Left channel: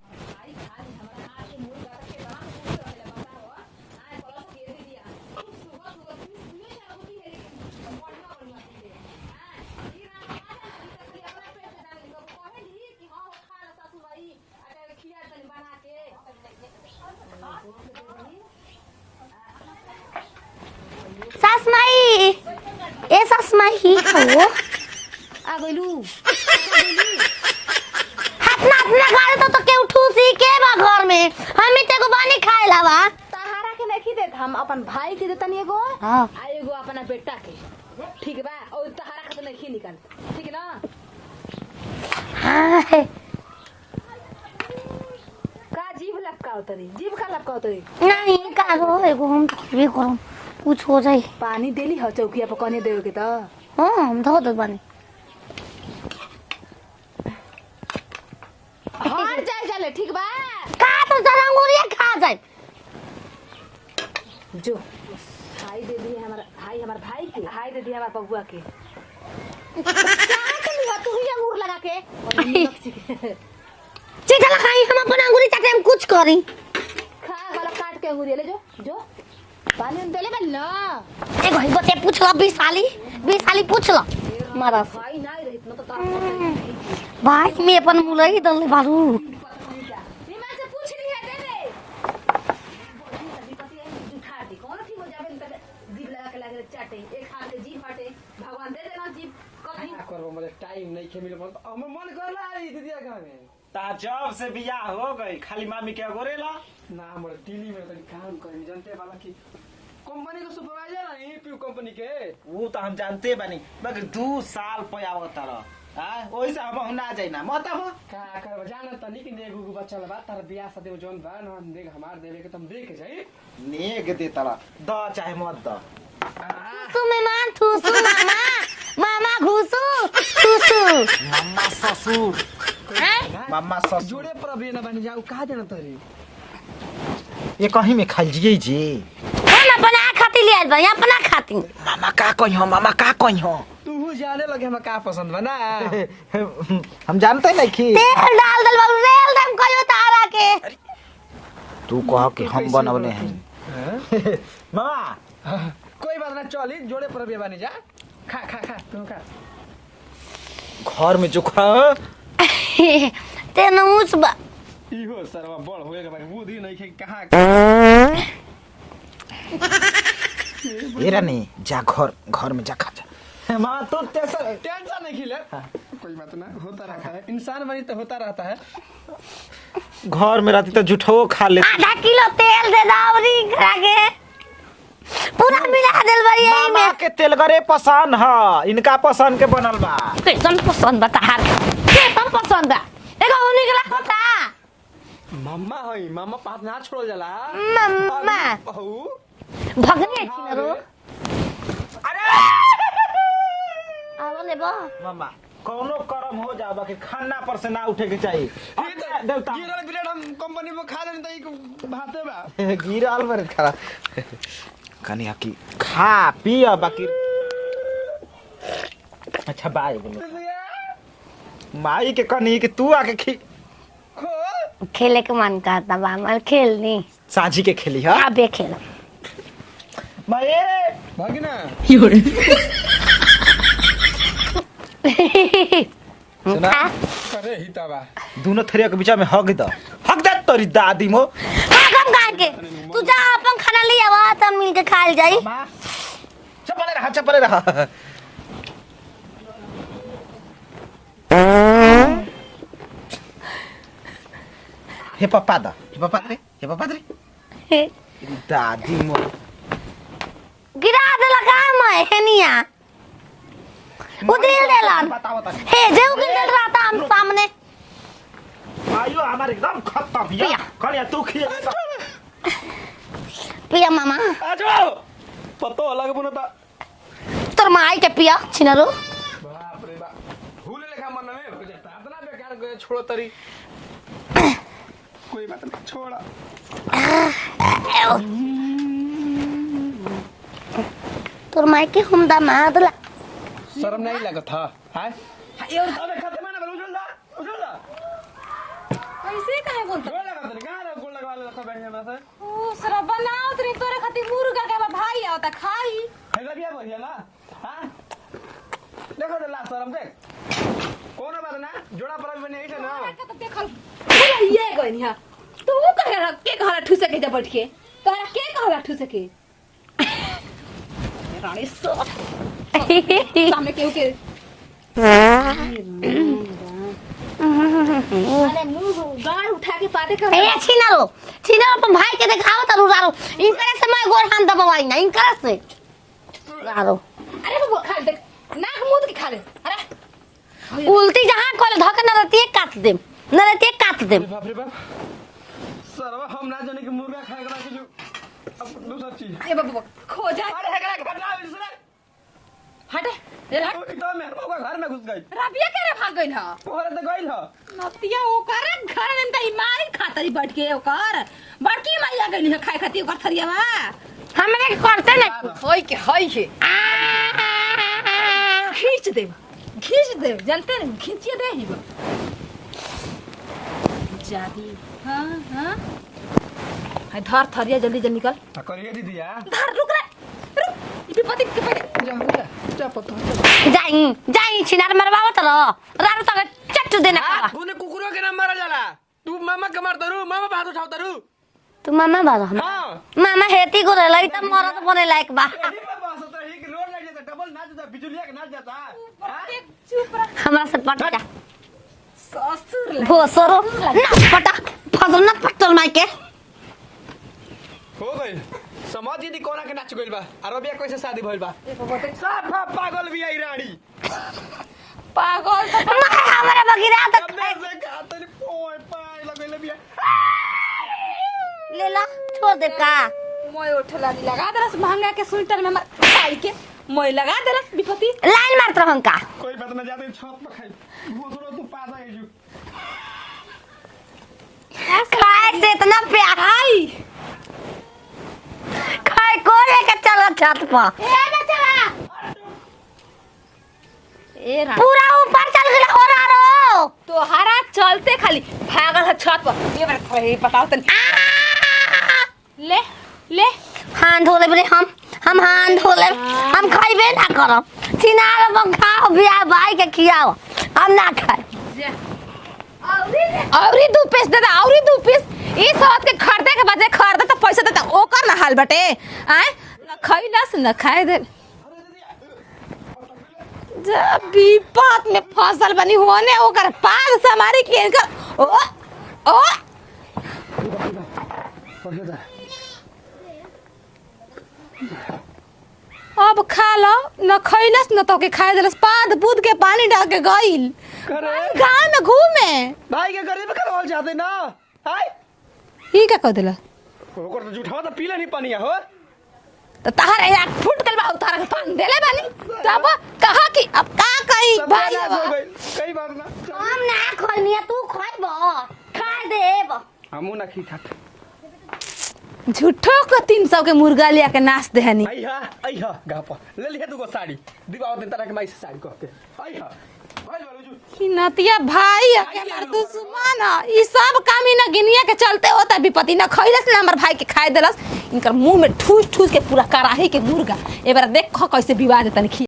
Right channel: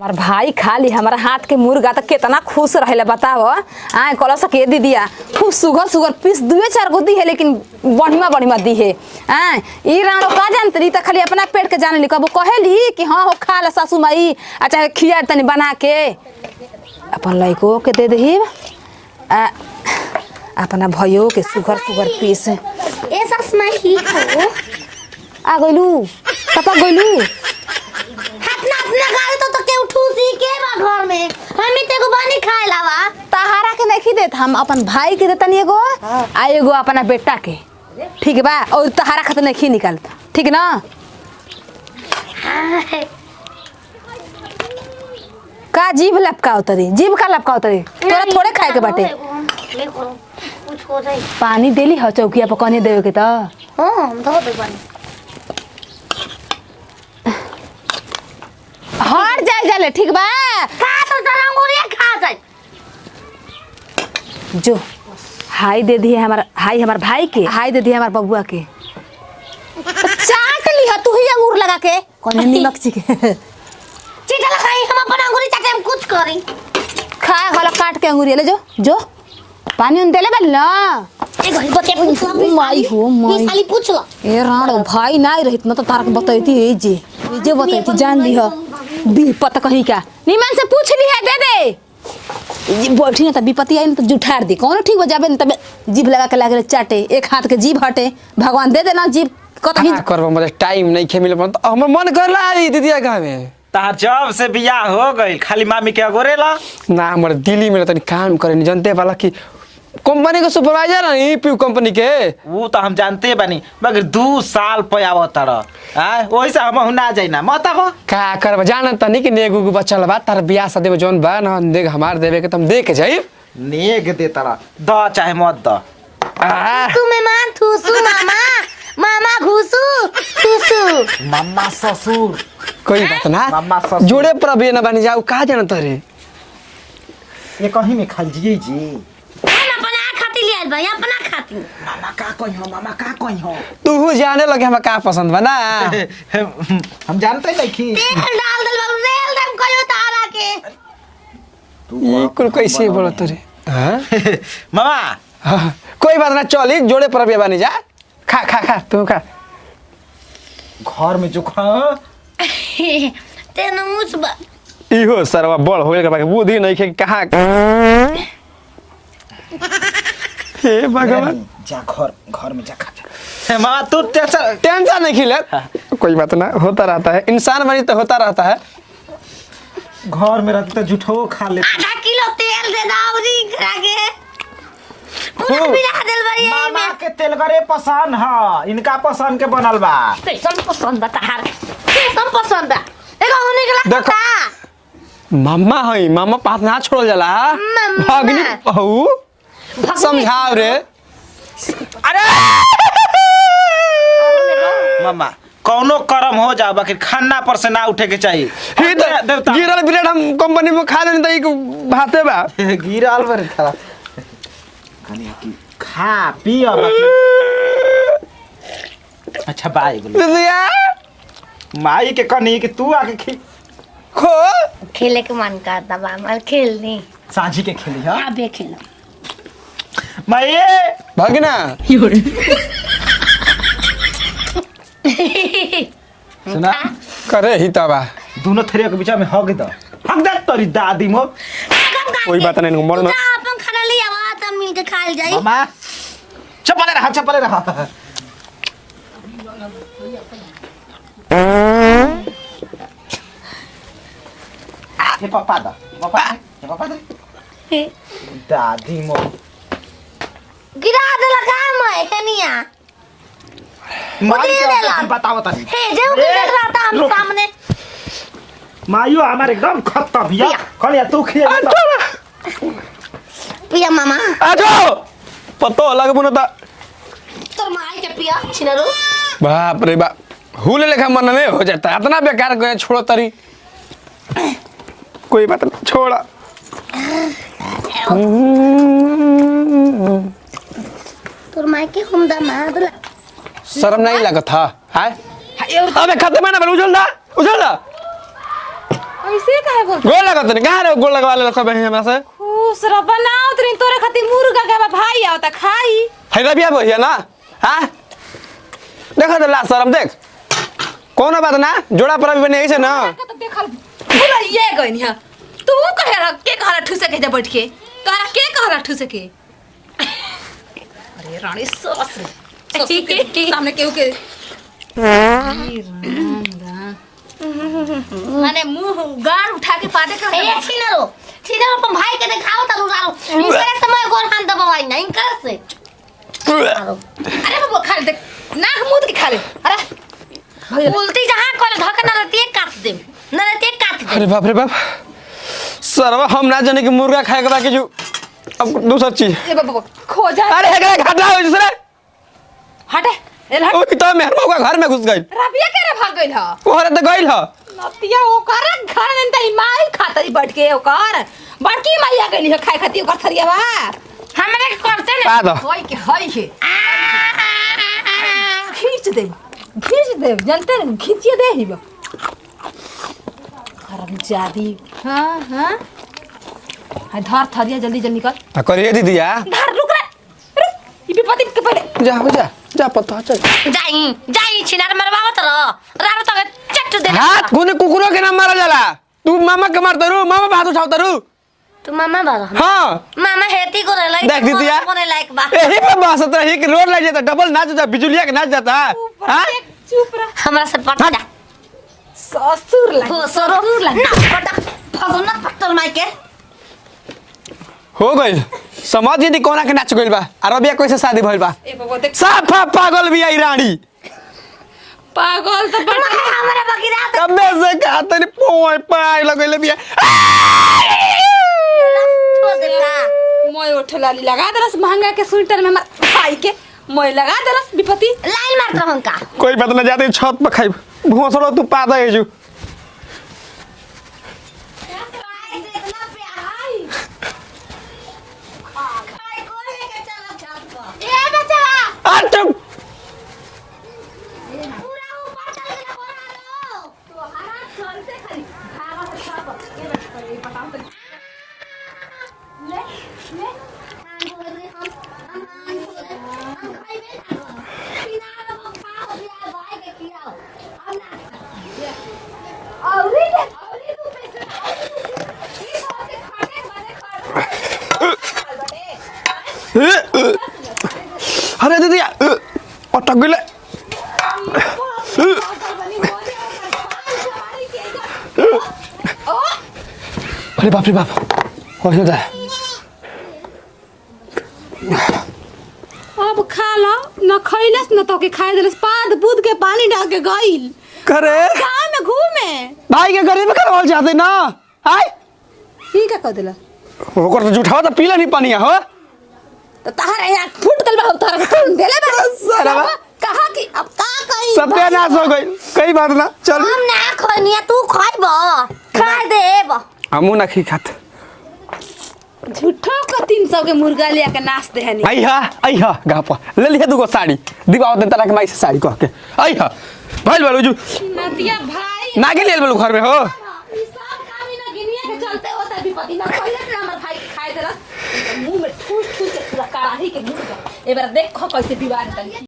हमार भाई खाली हमारा हाथ के मुर्गा तो कितना खुश रहे बताओ। आए कल सके दीदिया खूब सुगर सुगर पीस दुए चार गो दी है लेकिन बढ़िया बढ़िया दी है। आए ई राणो का जानतरी तो खाली अपना पेट के जाने ली कबो कहेली कि हाँ हो खा ला सासू माई अच्छा खिया तनी बना के अपन लइको के दे दही अपना भइयो के सुगर सुगर पीस ए सास माई की खाओ आ गइलू पता गइलू अपना अपना घर तो के उठू सी के बा घर में हम ते को बनी खाए लावा तहारा के नहीं देत हम अपन भाई के देतनी एगो आ एगो अपना बेटा के ठीक बा और तहारा खातिर नहीं निकालता ठीक ना। का जीभ लपका उतरी जीभ का लपका उतरी तोरा थोड़े खाए के बाटे ये करो कुछ हो जाए पानी देली हो चौकिया पर कने देवे के त हां धो दे पानी हार जाए जाले ठीक बा खा तो तरंगुरिया खा जाए जो हाई दे दी हमारा हाई हमार भाई के हाई दे दी हमार बबुआ के चाट ली तू ही अंगूर लगा के कने नमक ची के चिटा लगाई हम अपन अंगूरी चाटे हम कुछ करी खा वाला काट के अंगूरी ले जो जो पानी उन देले बल ना एक घंटे बते पूछ लो 20 साली पूछ लो ए राणो भाई ना रहित न तो तारक बतैती ए जे भाई जे में बतैती अपन जान रही ली दम बाबू। दी पता कहीं का निमन से पूछ ली है दे दे ये बैठी ना त विपत्ति आई न तो जुठार दी कौन ठीक हो जाबे न तबे जीभ लगा के लागे चाटे एक हाथ के जीभ हटे भगवान दे देना जीभ कतही करबो मतलब टाइम नहीं खे मिले तो हमर मन करला आई दीदिया गाँव में तार जब से बियाह हो गई खाली मामी के अगोरेला ना हमर दिल्ली में तनी काम करे नहीं जानते वाला कि कंपनी का सुपरवाइजर है पीयू कंपनी के वो तो हम जानते बानी मगर 2 साल पे आवत रह वही से हम ना जाइना मत हो का करब जान तनी कि नेगु को बचल बा तार बियाह शादी में जोन बा ना देख हमार देवे के तुम दे के जाई नेग दे तारा द चाहे मत द तू में मां ठूसू मामा मामा घुसू ठूसू मम्मा ससुर कोई बात ना मामा ससुर जोड़े पर भी ना बन जाऊ का जान तरे ये कहीं में खा जिए जी हम अपना खाती ले आइल बनी अपना खाती मामा का कहीं हो तू जाने लगे हम का पसंद बा ना हम जानते नहीं कि तेल डाल दल बाबू रेल दम कहियो तारा के तू कैसे बोलो तोरे हां मामा हाँ, कोई बात ना चली जोड़े पर भी बनी जा खा खा खा तू खा घर में जो खा ते नमुस बा इहो सरवा बड़ होइल के बाकी बुद्धि नहीं खे कहां हे भगवान जा घर में जा खा मामा तू टेंशन नहीं खिले कोई बात ना होता रहता है इंसान बनी तो होता रहता है घर में रहती तो जुठो खा ले आधा किलो तेल दे दावरी करा के पूरा बिना दिल बड़ी है मामा के तेल करे पसंद है इनका पसंद के बनल बा कैसन पसंद बता हार कैसन पसंद बा एगो होने के देखो। लगता मम्मा है मम्मा पास ना छोड़ जाला भगनी बहू समझाओ रे अरे मामा कौनो कर्म हो जा बाकी खाना पर से ना उठे के चाहिए ही तो गिरल ब्रेड हम कंपनी में खा लेनी तो ई भाते बा गिरल पर खा खाली की खा पी और बाकी अच्छा बाय बोलो दीदिया माई के कनी कि तू आके खो खेले के मन करता बा मार खेल दी सांझी के खेली हां आप भी खेल माई भगना सुना करे ही तबा दोनों थेरिया के बीच में हक दे तोरी दादी मो कोई बात नहीं मन में अपन खाना ले आवा त मिल के खाल जाई मामा चपले रहा हे पापा दे दादी मो गिरा दे लगा मैं हेनिया उधर ले ला बताओ ता हे जो भी रहा था हम सामने मायो हमारे एकदम खत्म या खलिया तू खिया पिया मामा आ जाओ पतो अलग बनता तोर माई के पिया छिनरो बाप रे बाप हुले लेखा मन में हो जाता है इतना बेकार गए छोड़ो तरी कोई बात नहीं छोड़ा तोर माई के हुंदा मादला शर्म नहीं लगा था हाय अबे खत्म है ना उछल दा ऐसे काहे बोल गोल लगा तनी कहां रे गोल लगवा ले सब हमरा से खुश रह बनाओ तोरे खातिर मुर्गा के भाई आवता खाई है रबिया भैया ना हां देखो तो ला शर्म देख कोनो बात ना जोड़ा पर भी बने ऐसे ना तो देखल पूरा ये गइनिया तू कहे के कहला ठुसे के बैठ के तोरा के कहला ठुसे के अरे रानी सस सामने केहू के माने मुंह गार उठा के पादे का ए छिनारो अपन भाई के दिखाओ त रुजारो इनकर से मैं गोल हाथ दबाई ना इनकर से आरो अरे बाबू खा ले देख नाक मुंह के खा ले अरे उल्टी जहां कोल धक न रहती काट दे अरे बाप रे बाप सरवा हम ना जाने कि मुर्गा खाए के बाकी जो अब दूसरा चीज ये बाबू खो जा अरे एकरा घाटा हो जसरे हटे एल हट ओ तो मेहर मौका घर में घुस गई रबिया के रे भाग गइल ह ओहरे तो गइल ह नतिया ओकर घर में त माई खातरी बैठ के ओकर बड़की माईया गइल ह खाए खाती ओकर थरियावा हमरा के करते का दो? ने होय के हई हे खींच दे जानते न खींचिए दे ही जादी हां हां धर थरिया जल्दी जल्दी निकल आ करिए दीदिया धर रुक रे ये विपत्ति के पहले जा पता चल जाई छिनार मरवाओ त रारो त चट्टू दे हाथ कोने कुकुरों के नाम मारा जाला तू मामा के मारता रू मामा पे हाथ उठावता रू तू मामा बाबा हां मामा हेती को रे लाइक देख दीदिया कोने लाइक बा यही पे बस तो ही कि रोड लग जाता डबल नाच जाता बिजुलिया के नाच जाता हां चुप रह हमरा से पटा ससुर ला हो सरो ना पटा फसल ना पत्थर मार के हो गई समझ नहीं कोना के नाच गइल बा और अबिया कैसे शादी भइल बा ए बाबू देख साफा पागल भी आई रानी पागल तो हमरा बगिरा त कबे से कहते नहीं पोय पाई लगइले बिया ले ला छोड़ दे का मोय उठला लगा दरस महंगा के स्वेटर में हमर भाई के मोय लगा दरस विपत्ति लाइन मार तो हमका कोई बात ना जाते छत पे खाई भोसड़ो तू पादा है जो खाए से इतना प्यार खाए को लेके चला छत पर ए बचवा अट ए राम पूरा ऊपर चल गया हो रहा रो तो हरा चलते खाली भागल है छत पर ये बार बताओ तनी ले ले हाथ धो ले हम हाथ धो ले हम खाइबे ना करब सिनार में खाओ बिया भाई के खियाओ हम ना खाए औरी दू पीस दे औरी दू पीस ई साथ के खरीदे के बजे खरीदे तो पैसा देता ओकर ना हाल बटे हैं खर्चा से ना खाए दे अरे दीदिया अटक गइले जबी बात में फसल बनी होने ओकर पान से हमारी के ओ अरे बाप रे बाप हो जा अब खा लो न खइलस न तो के खाए देलस पाद पूद के पानी डाल के गइल करे गांव में घूमे भाई के गरीब करवाल चाहते ना आय ई का कह देला ओकर तो झूठावा तो पीला नहीं पानी हो तो तारे यार फुट गल बा तोरा के तुम देले बा साला। कहा कि अब का कही सबका नाश हो गई कई बात ना चल हम ना खनिया तू खाइबो खा देब हमू ना खी खात झूठो को 300 के मुर्गा लिया के नाच देहनी आइहा गापा ले लिया दुगो साड़ी दिवाओ दिन तला के माई से साड़ी कह के आइहा भाई बोलो जो नतिया भाई नागे ले बोलो घर में हो ना ई सब काम ही ना गिनिया के चलते होता विपत्ति ना खइलस ना हमर भाई के खाए देलस इनकर मुंह में ठूस ठूस के पूरा कराही के मुर्गा एबार देखो कैसे विवाह तनी